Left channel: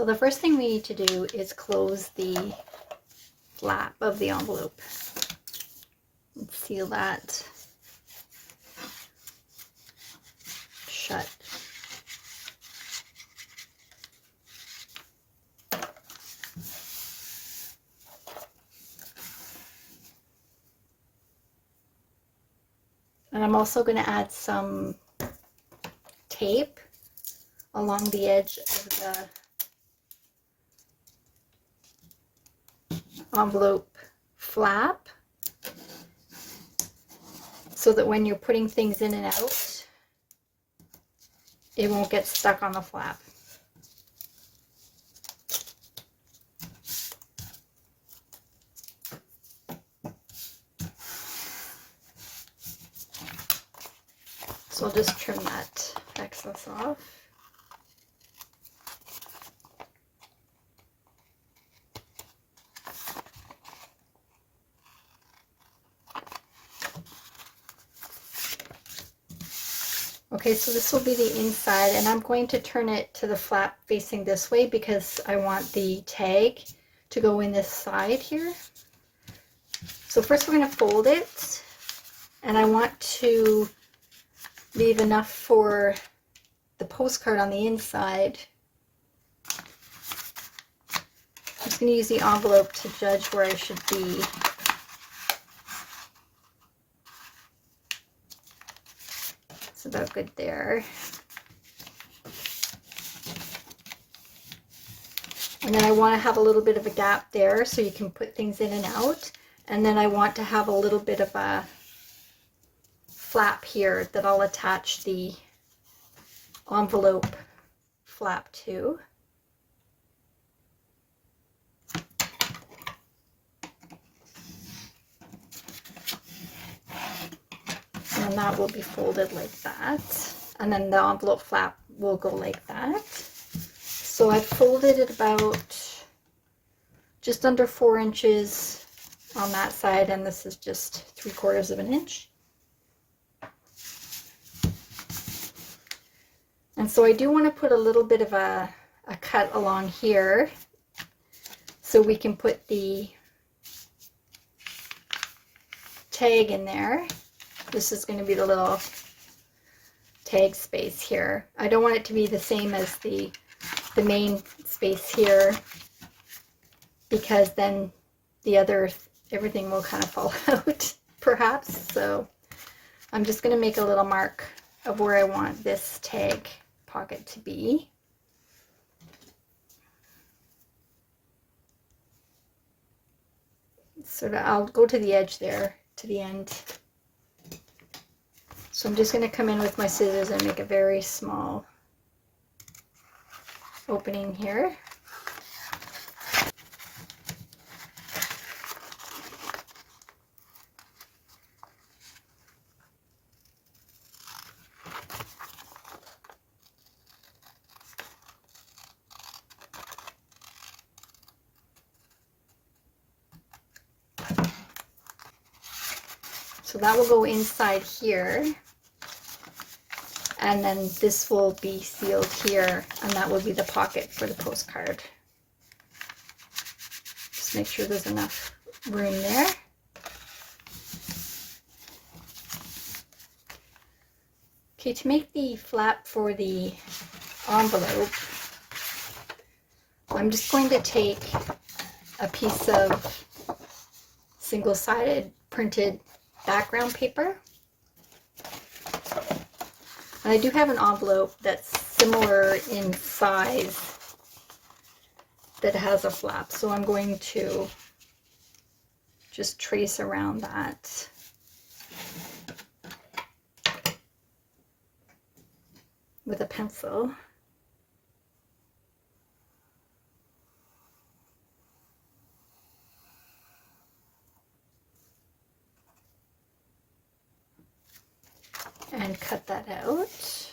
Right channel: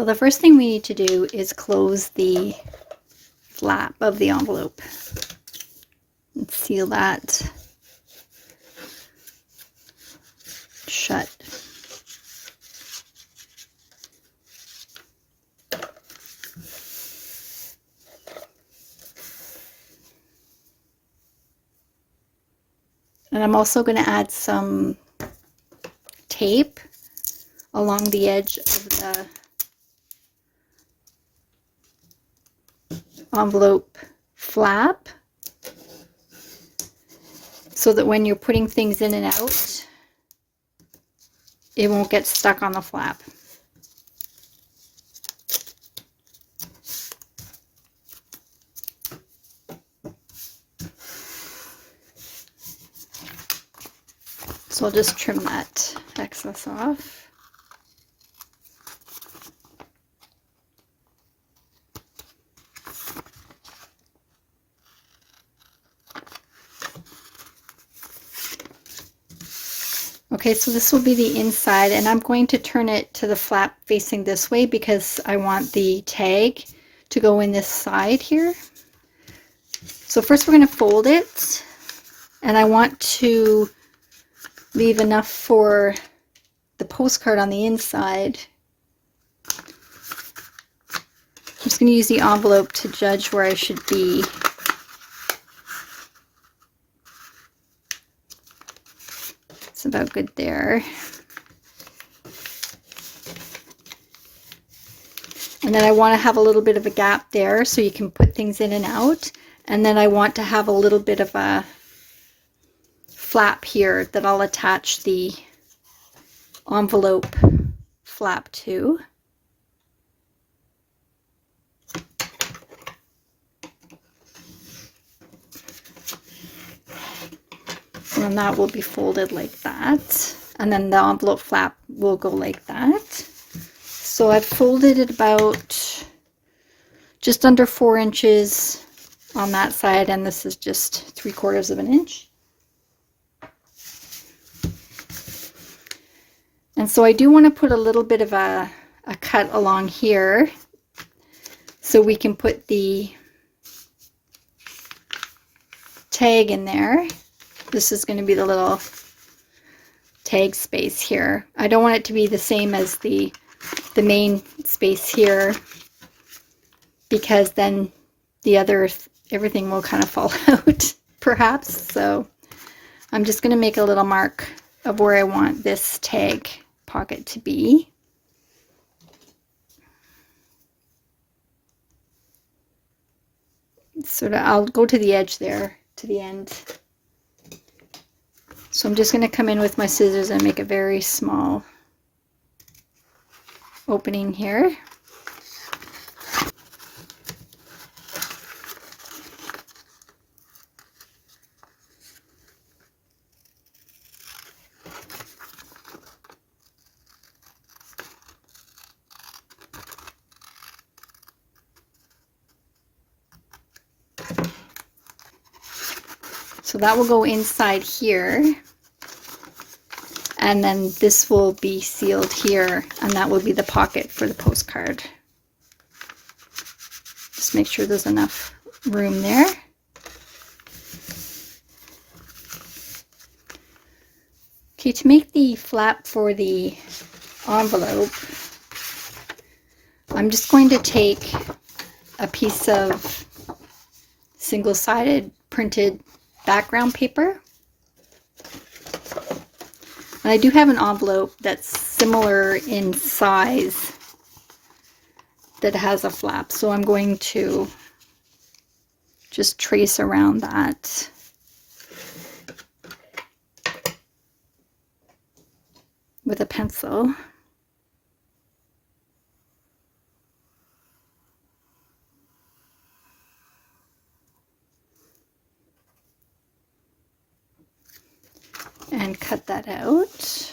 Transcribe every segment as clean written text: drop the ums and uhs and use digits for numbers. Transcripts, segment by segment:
So the first thing we need to do is close the flap of the envelope and seal that shut. And I'm also going to add some tape along the edge of the envelope flap so that when you're putting things in and out, it won't get stuck on the flap. So I'll just trim that excess off. Okay, so this will be the inside, and I'm going to turn it to the flap facing this way because I want the tag to go in this side here. So first we're going to fold it, and I want to leave enough for the postcard on the inside. I'm just going to use the envelope to judge where I should be. It's about good there. And then I want to have a little bit of a gap there so you can put things in and out. And then I want to have a little bit of a flap here that I'll attach the envelope flap to. And that will be folded like that. And then the envelope flap will go like that. So I've folded it about just under 4 inches on that side, and this is just 3/4 of an inch. And so I do want to put a little bit of a cut along here so we can put the tag in there. This is going to be the little tag space here. I don't want it to be the same as the main space here, because then the other everything will kind of fall out perhaps. So I'm just going to make a little mark of where I want this tag pocket to be. Sort of, I'll go to the edge there, to the end. So I'm just going to come in with my scissors and make a very small opening here. So that will go inside here, and then this will be sealed here, and that will be the pocket for the postcard. Just make sure there's enough room there. Okay, to make the flap for the envelope, I'm just going to take a piece of single-sided printed background paper. And I do have an envelope that's similar in size that has a flap, so I'm going to just trace around that. With a pencil. And cut that out.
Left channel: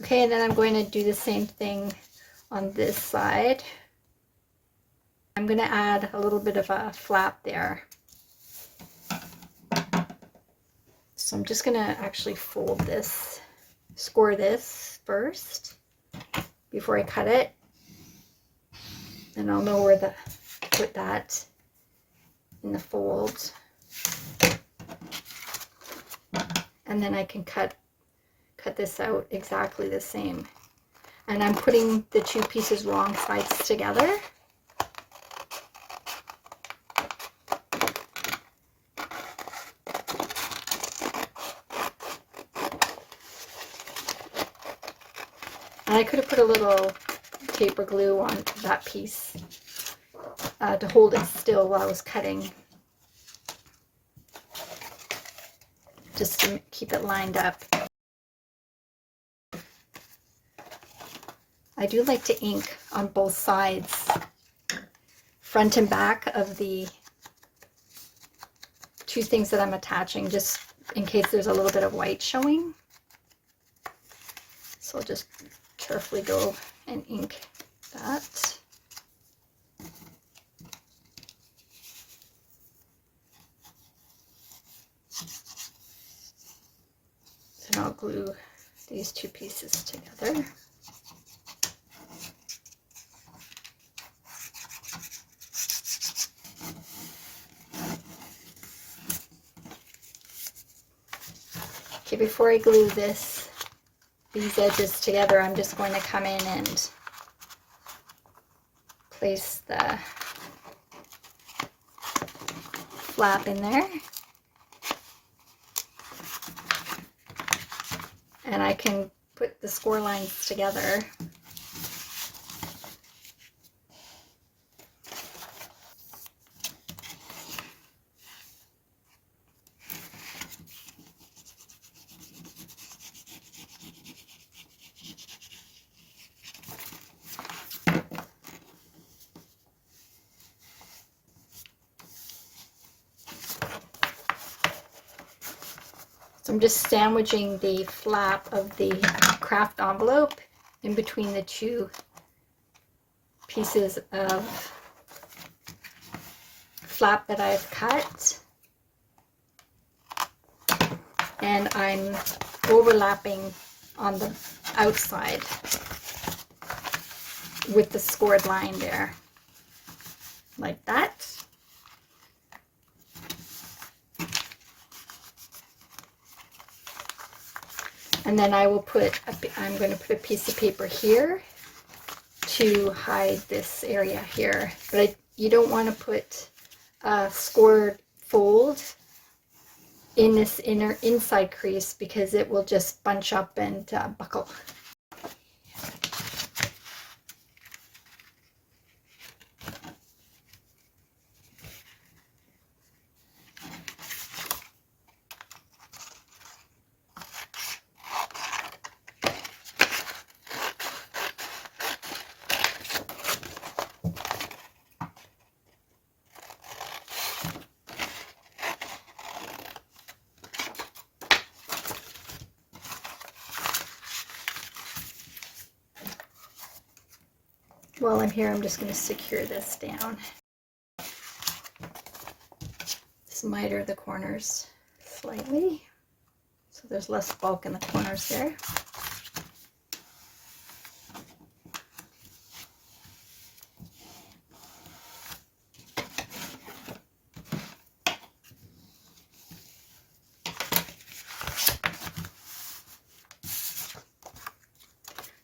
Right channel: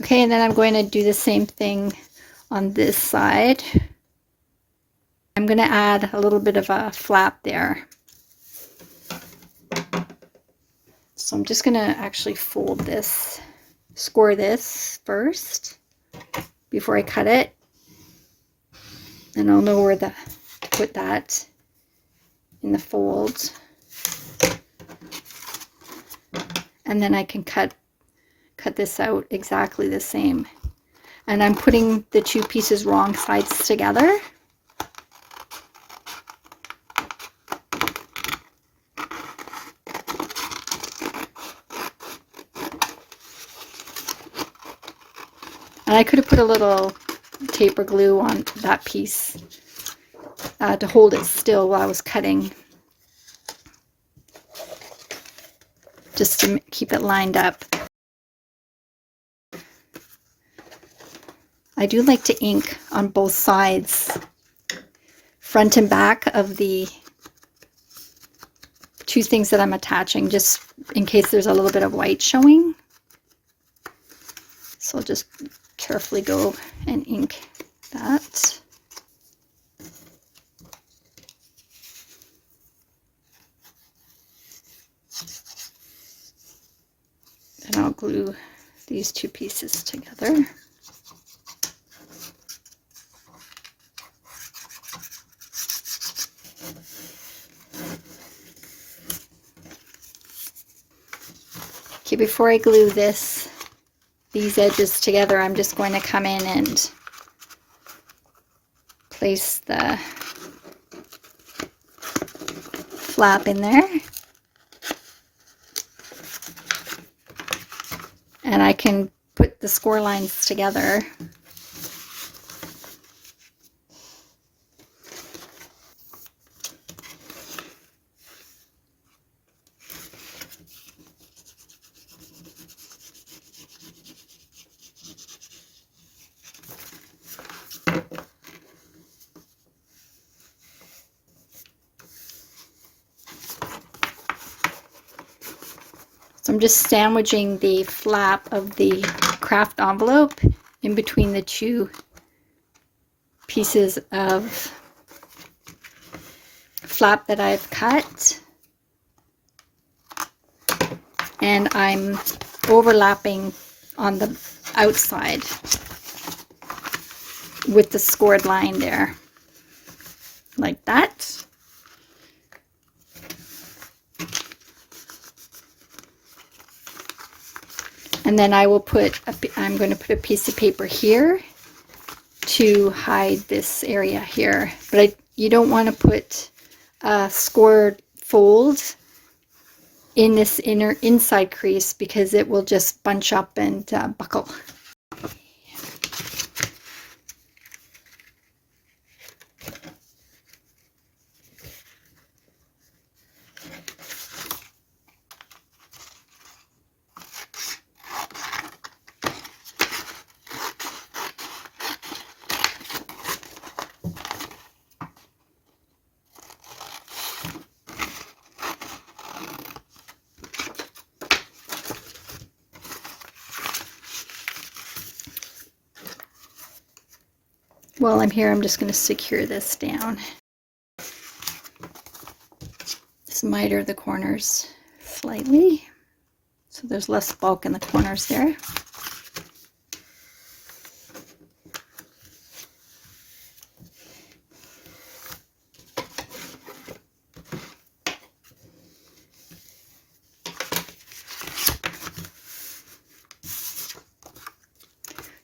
Okay, and then I'm going to do the same thing on this side. I'm going to add a little bit of a flap there. So I'm just going to actually fold this, score this first before I cut it. And I'll know where to put that in the fold. And then I can cut this out exactly the same. And I'm putting the two pieces wrong sides together. And I could have put a little taper glue on that piece to hold it still while I was cutting, just to keep it lined up. I do like to ink on both sides, front and back of the two things that I'm attaching, just in case there's a little bit of white showing. So I'll just carefully go and ink that. And I'll glue these two pieces together. Okay, before I glue these edges together, I'm just going to come in and place the flap in there. And I can put the score lines together. So I'm just sandwiching the flap of the kraft envelope in between the two pieces of flap that I've cut. And I'm overlapping on the outside with the scored line there, like that. And then I will I'm going to put a piece of paper here to hide this area here. But you don't want to put a scored fold in this inside crease, because it will just bunch up and buckle. While I'm here, I'm just going to secure this down. Just miter the corners slightly, so there's less bulk in the corners there.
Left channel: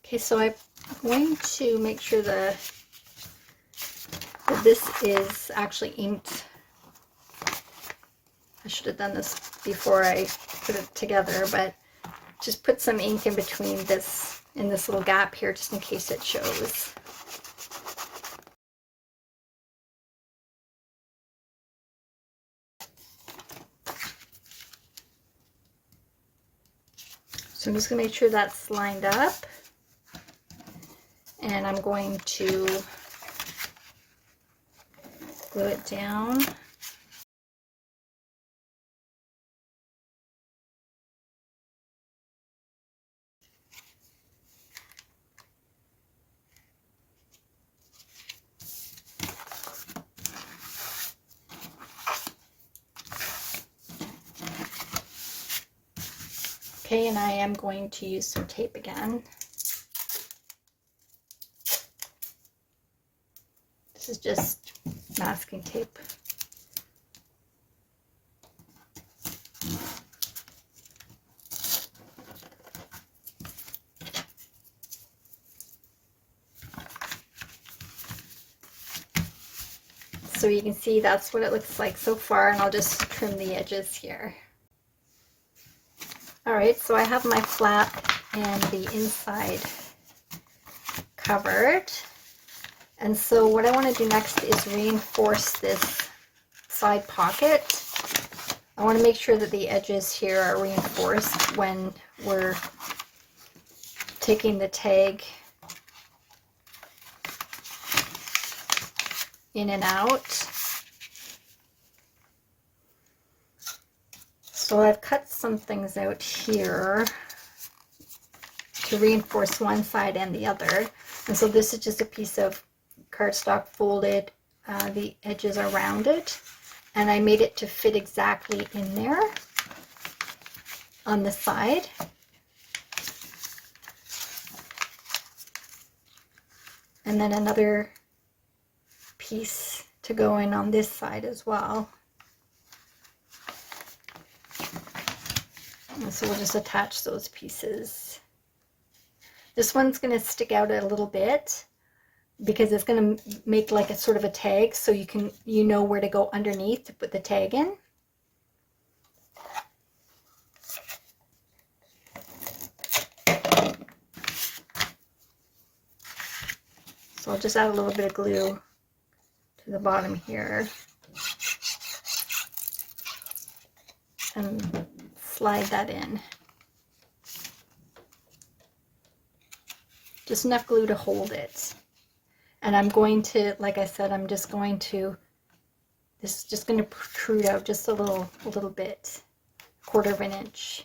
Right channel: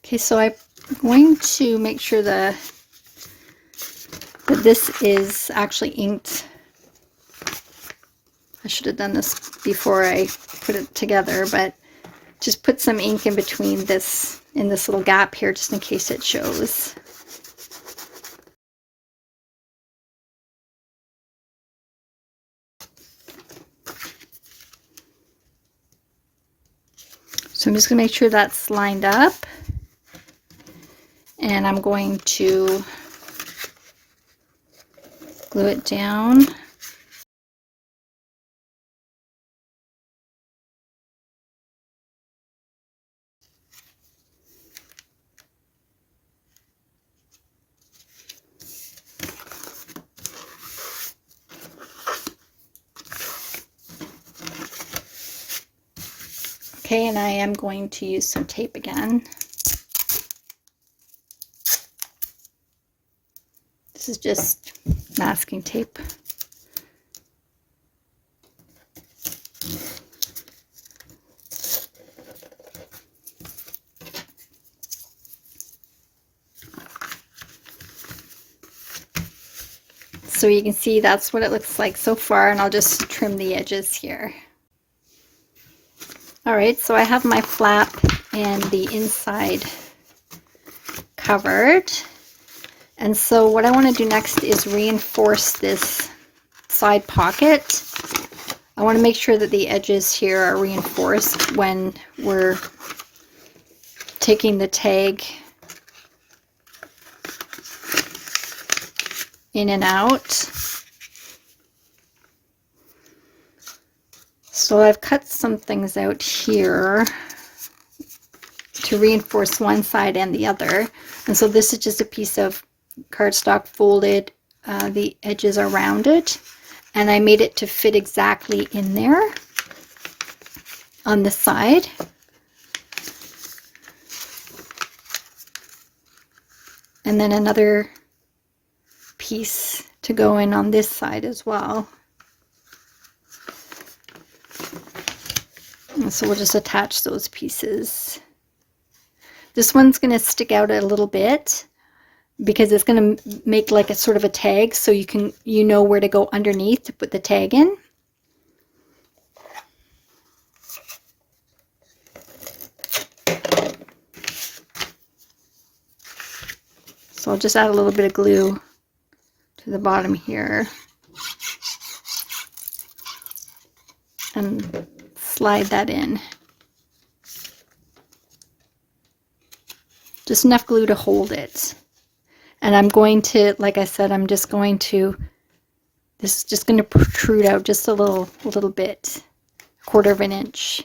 Okay, so I'm going to make sure that this is actually inked. I should have done this before I put it together, but just put some ink in between this, in this little gap here, just in case it shows. So I'm just going to make sure that's lined up. And I'm going to glue it down. Okay, and I am going to use some tape again. This is just masking tape. So you can see that's what it looks like so far, and I'll just trim the edges here. All right, so I have my flap and the inside covered. And so what I want to do next is reinforce this side pocket. I want to make sure that the edges here are reinforced when we're taking the tag in and out. So I've cut some things out here to reinforce one side and the other. And so this is just a piece of cardstock folded, the edges are rounded, and I made it to fit exactly in there on the side. And then another piece to go in on this side as well. And so we'll just attach those pieces. This one's going to stick out a little bit because it's going to make like a sort of a tag, so you know where to go underneath to put the tag in. So I'll just add a little bit of glue to the bottom here and slide that in. Just enough glue to hold it. And I'm going to, like I said, this is just going to protrude out just a little bit, 1/4 of an inch.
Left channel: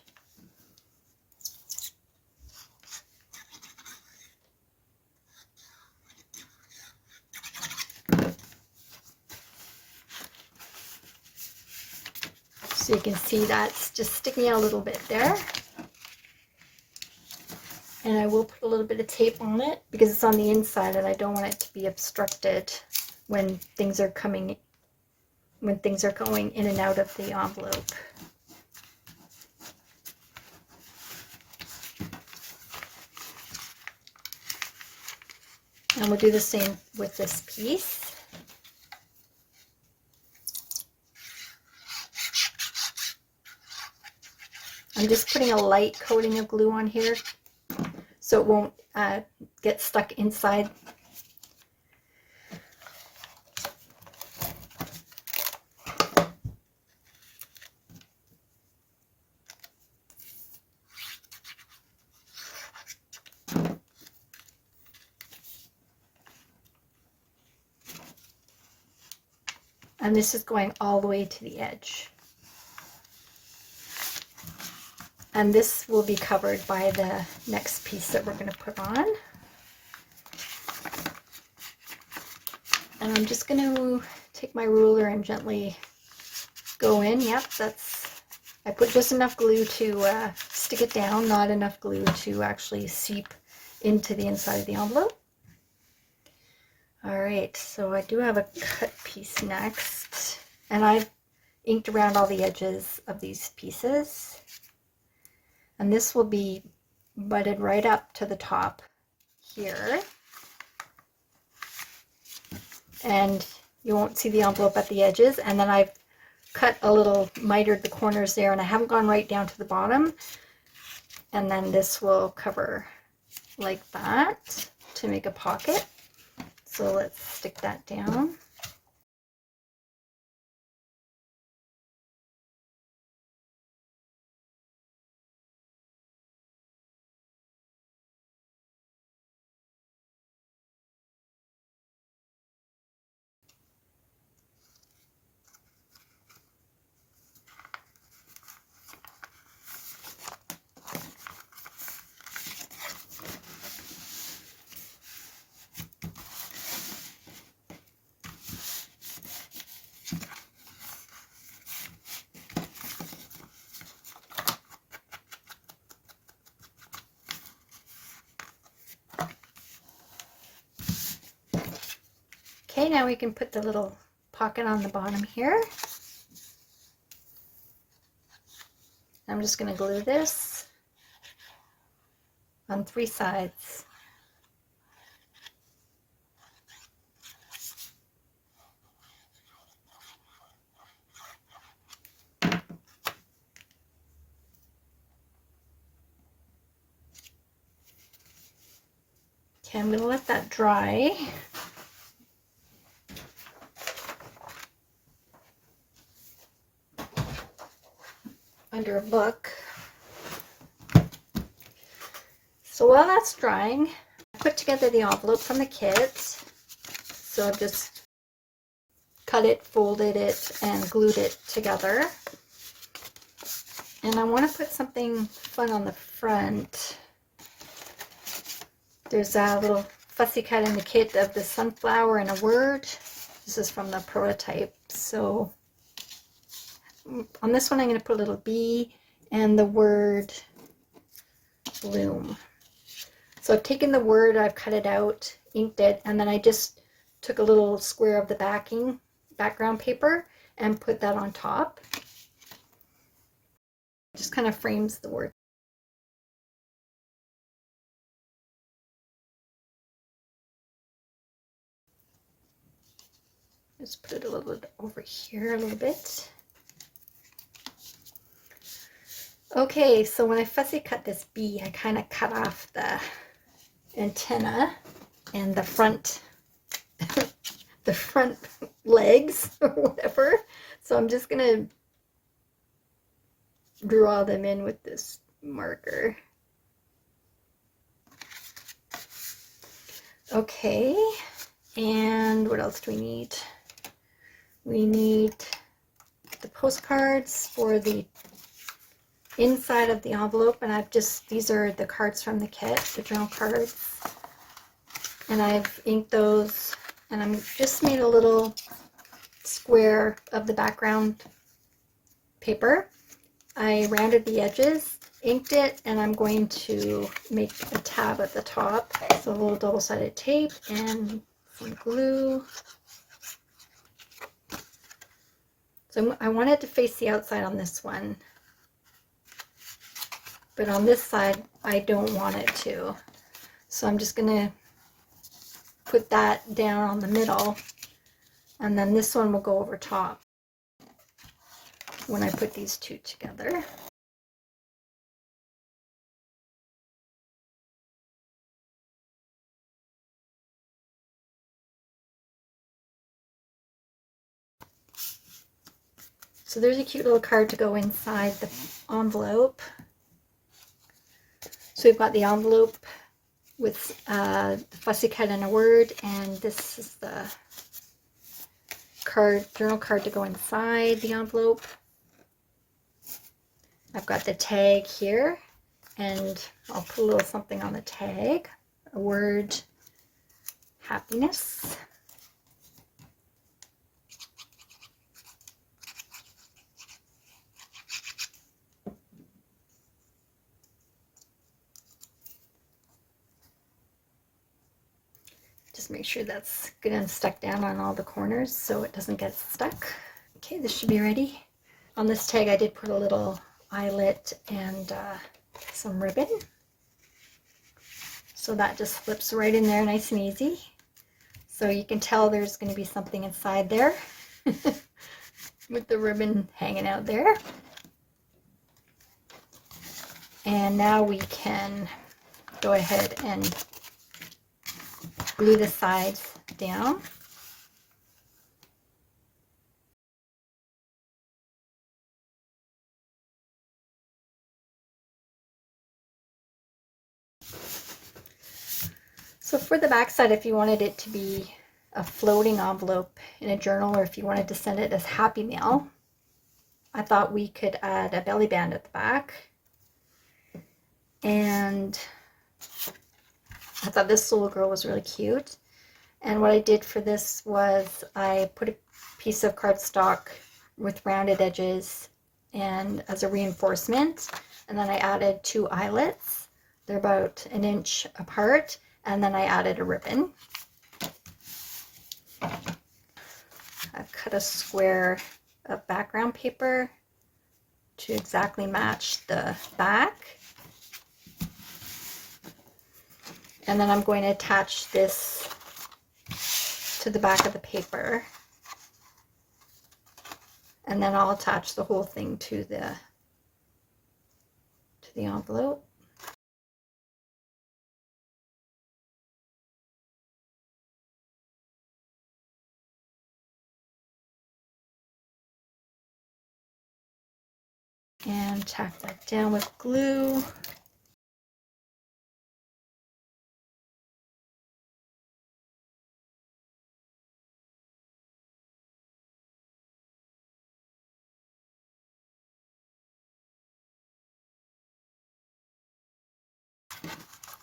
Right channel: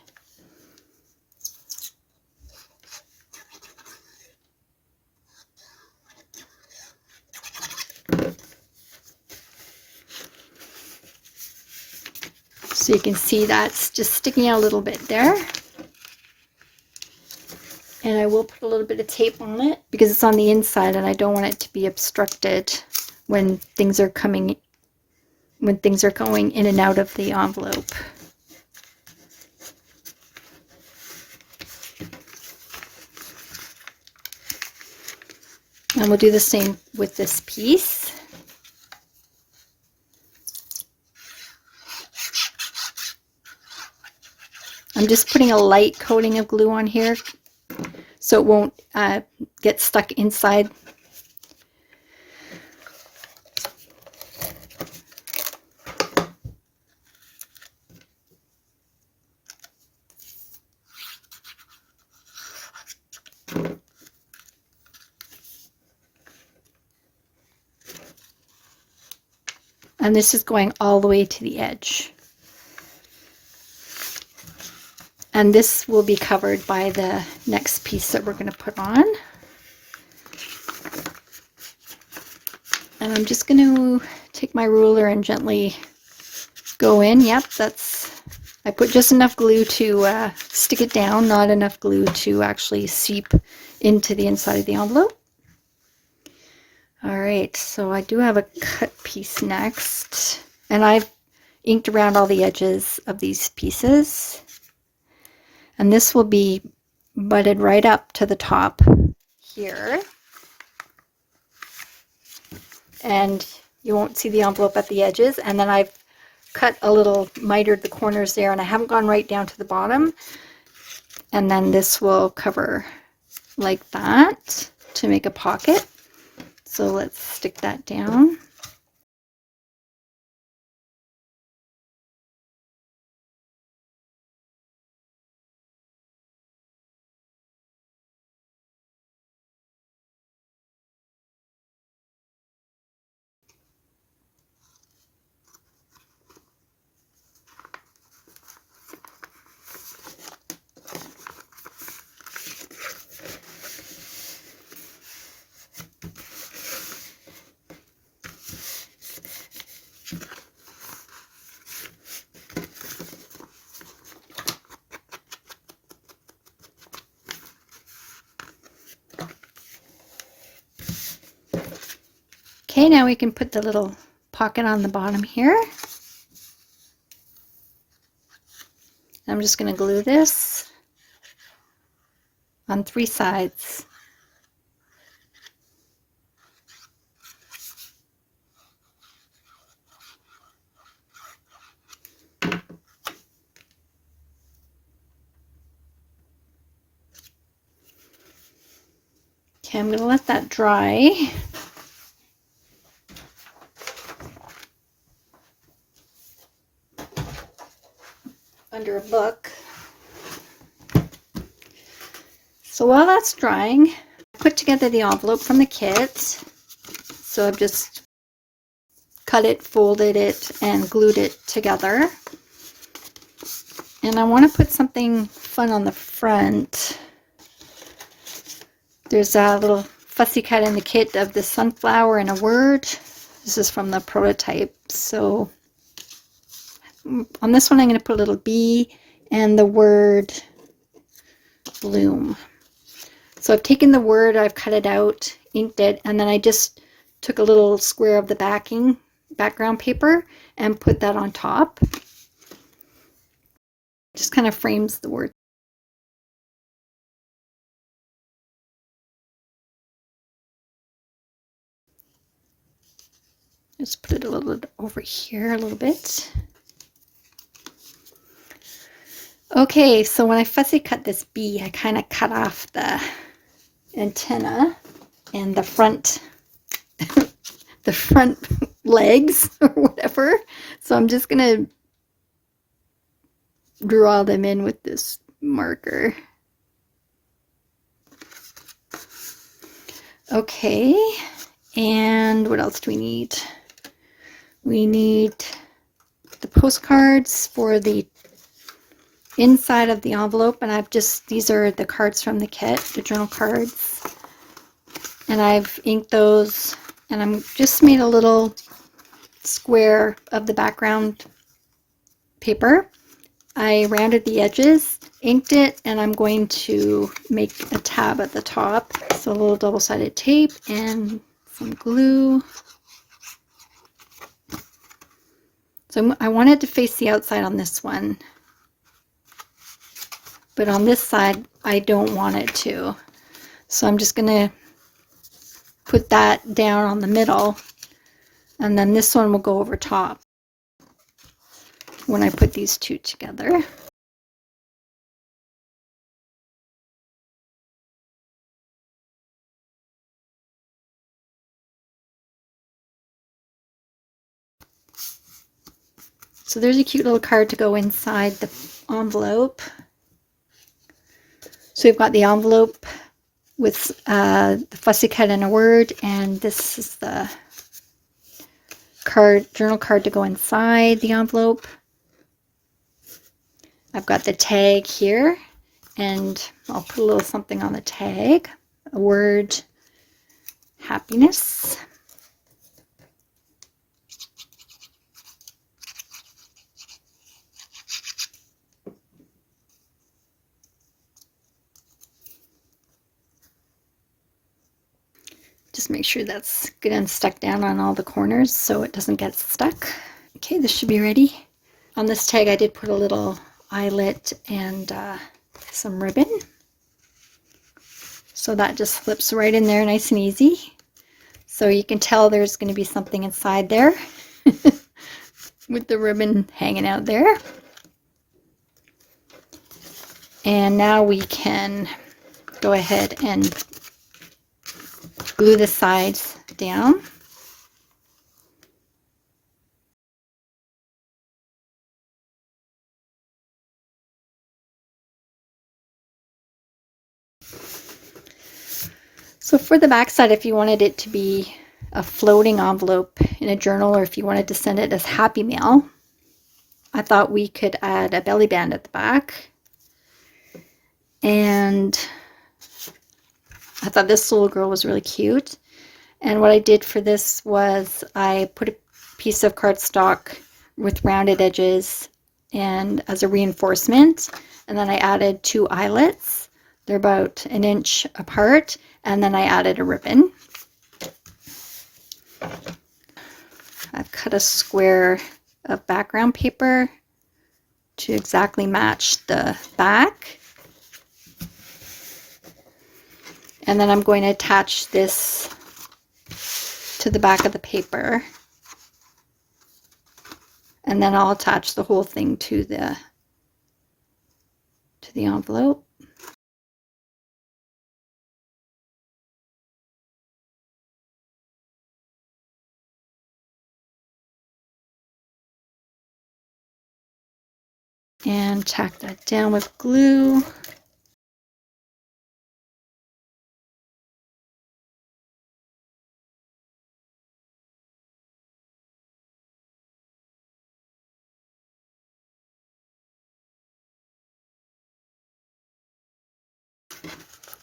So you can see that's just sticking out a little bit there. And I will put a little bit of tape on it because it's on the inside and I don't want it to be obstructed when things are going in and out of the envelope. And we'll do the same with this piece. I'm just putting a light coating of glue on here so it won't get stuck inside. And this is going all the way to the edge. And this will be covered by the next piece that we're going to put on. And I'm just going to take my ruler and gently go in. Yep, I put just enough glue to stick it down, not enough glue to actually seep into the inside of the envelope. All right, so I do have a cut piece next. And I've inked around all the edges of these pieces. And this will be butted right up to the top here. And you won't see the envelope at the edges. And then I've cut a little, mitered the corners there, and I haven't gone right down to the bottom. And then this will cover like that to make a pocket. So let's stick that down. Okay, now we can put the little pocket on the bottom here. I'm just going to glue this on 3 sides. Okay, I'm going to let that dry. Under a book. So while that's drying, I put together the envelope from the kit. So I've just cut it, folded it, and glued it together. And I want to put something fun on the front. There's a little fussy cut in the kit of the sunflower and a word. This is from the prototype. So on this one, I'm going to put a little bee and the word bloom. So I've taken the word, I've cut it out, inked it, and then I just took a little square of the background paper and put that on top. Just kind of frames the word. Just put it a little bit over here a little bit. Okay, so when I fussy cut this bee, I kind of cut off the antenna and the front the front legs or whatever. So I'm just gonna draw them in with this marker. Okay, and what else do we need? We need the postcards for the inside of the envelope, and these are the cards from the kit, the journal cards, and I've inked those, and I'm just made a little square of the background paper. I rounded the edges, inked it, and I'm going to make a tab at the top. So a little double-sided tape and some glue. So I wanted to face the outside on this one, but on this side I don't want it to. So I'm just going to put that down on the middle, and then this one will go over top when I put these two together. So there's a cute little card to go inside the envelope. So we've got the envelope with the fussy cut and a word, and this is the journal card to go inside the envelope. I've got the tag here, and I'll put a little something on the tag. A word, happiness. Just make sure that's good and stuck down on all the corners so it doesn't get stuck. Okay, this should be ready. On this tag I did put a little eyelet and some ribbon. So that just slips right in there nice and easy. So you can tell there's going to be something inside there with the ribbon hanging out there. And now we can go ahead and glue the sides down. So for the back side, if you wanted it to be a floating envelope in a journal, or if you wanted to send it as happy mail, I thought we could add a belly band at the back. And I thought this little girl was really cute. And what I did for this was I put a piece of cardstock with rounded edges and as a reinforcement, and then I added 2 eyelets. They're about 1 inch apart, and then I added a ribbon. I've cut a square of background paper to exactly match the back. And then I'm going to attach this to the back of the paper. And then I'll attach the whole thing to the envelope. And tack that down with glue.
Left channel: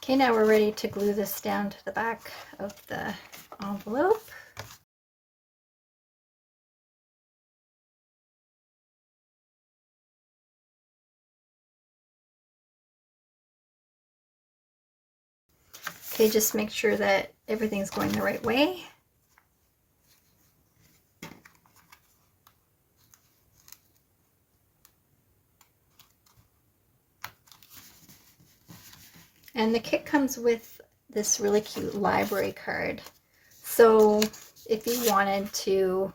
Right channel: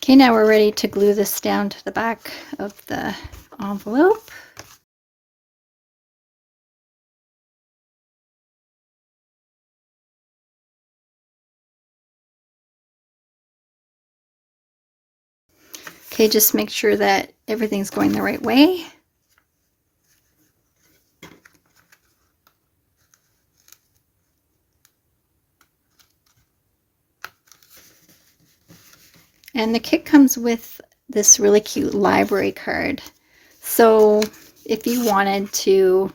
Okay, now we're ready to glue this down to the back of the envelope. Okay, just make sure that everything's going the right way. And the kit comes with this really cute library card. So if you wanted to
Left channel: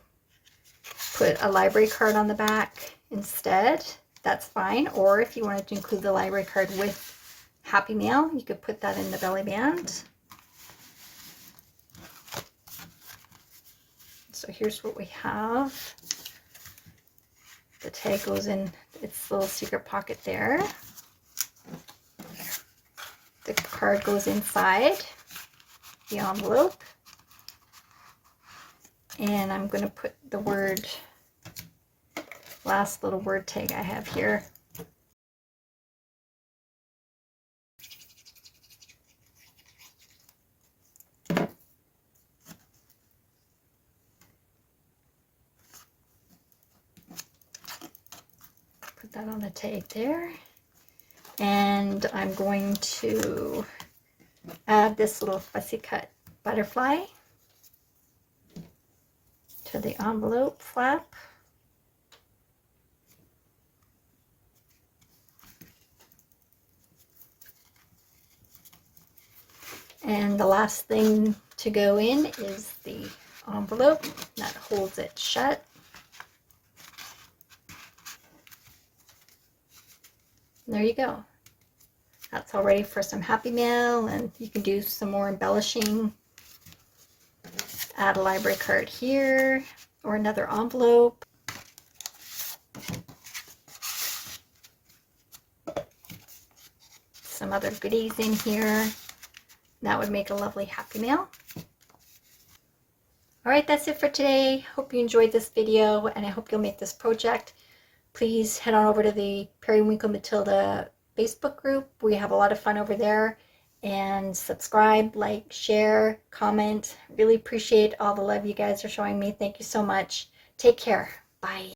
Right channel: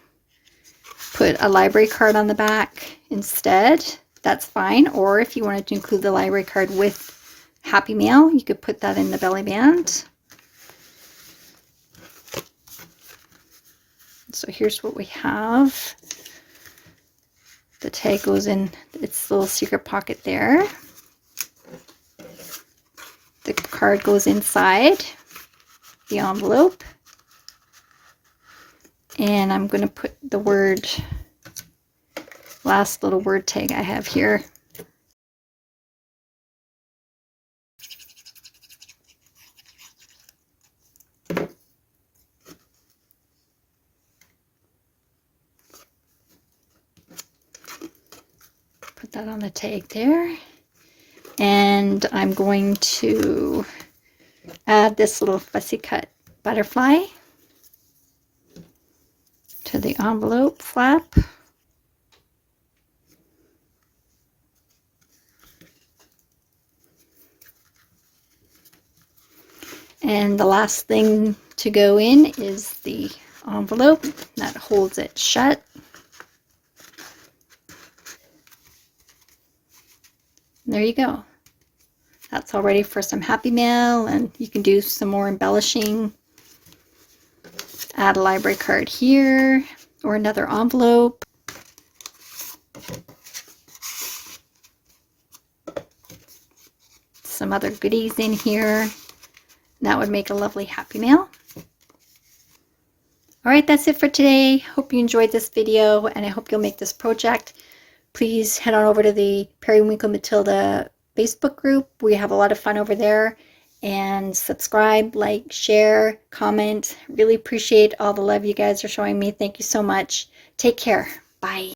put a library card on the back instead, that's fine. Or if you wanted to include the library card with Happy Mail, you could put that in the belly band. So here's what we have. The tag goes in its little secret pocket there. The card goes inside the envelope. And I'm going to put the last little word tag I have here. Put that on the tag there. And I'm going to add this little fussy cut butterfly to the envelope flap. And the last thing to go in is the envelope that holds it shut. There you go. That's all ready for some Happy Mail, and you can do some more embellishing. Add a library card here or another envelope. Some other goodies in here. That would make a lovely Happy Mail. All right, that's it for today. Hope you enjoyed this video, and I hope you'll make this project. Please head on over to the Periwinkle Matilda Facebook group. We have a lot of fun over there. And subscribe, like, share, comment. Really appreciate all the love you guys are showing me. Thank you so much. Take care. Bye.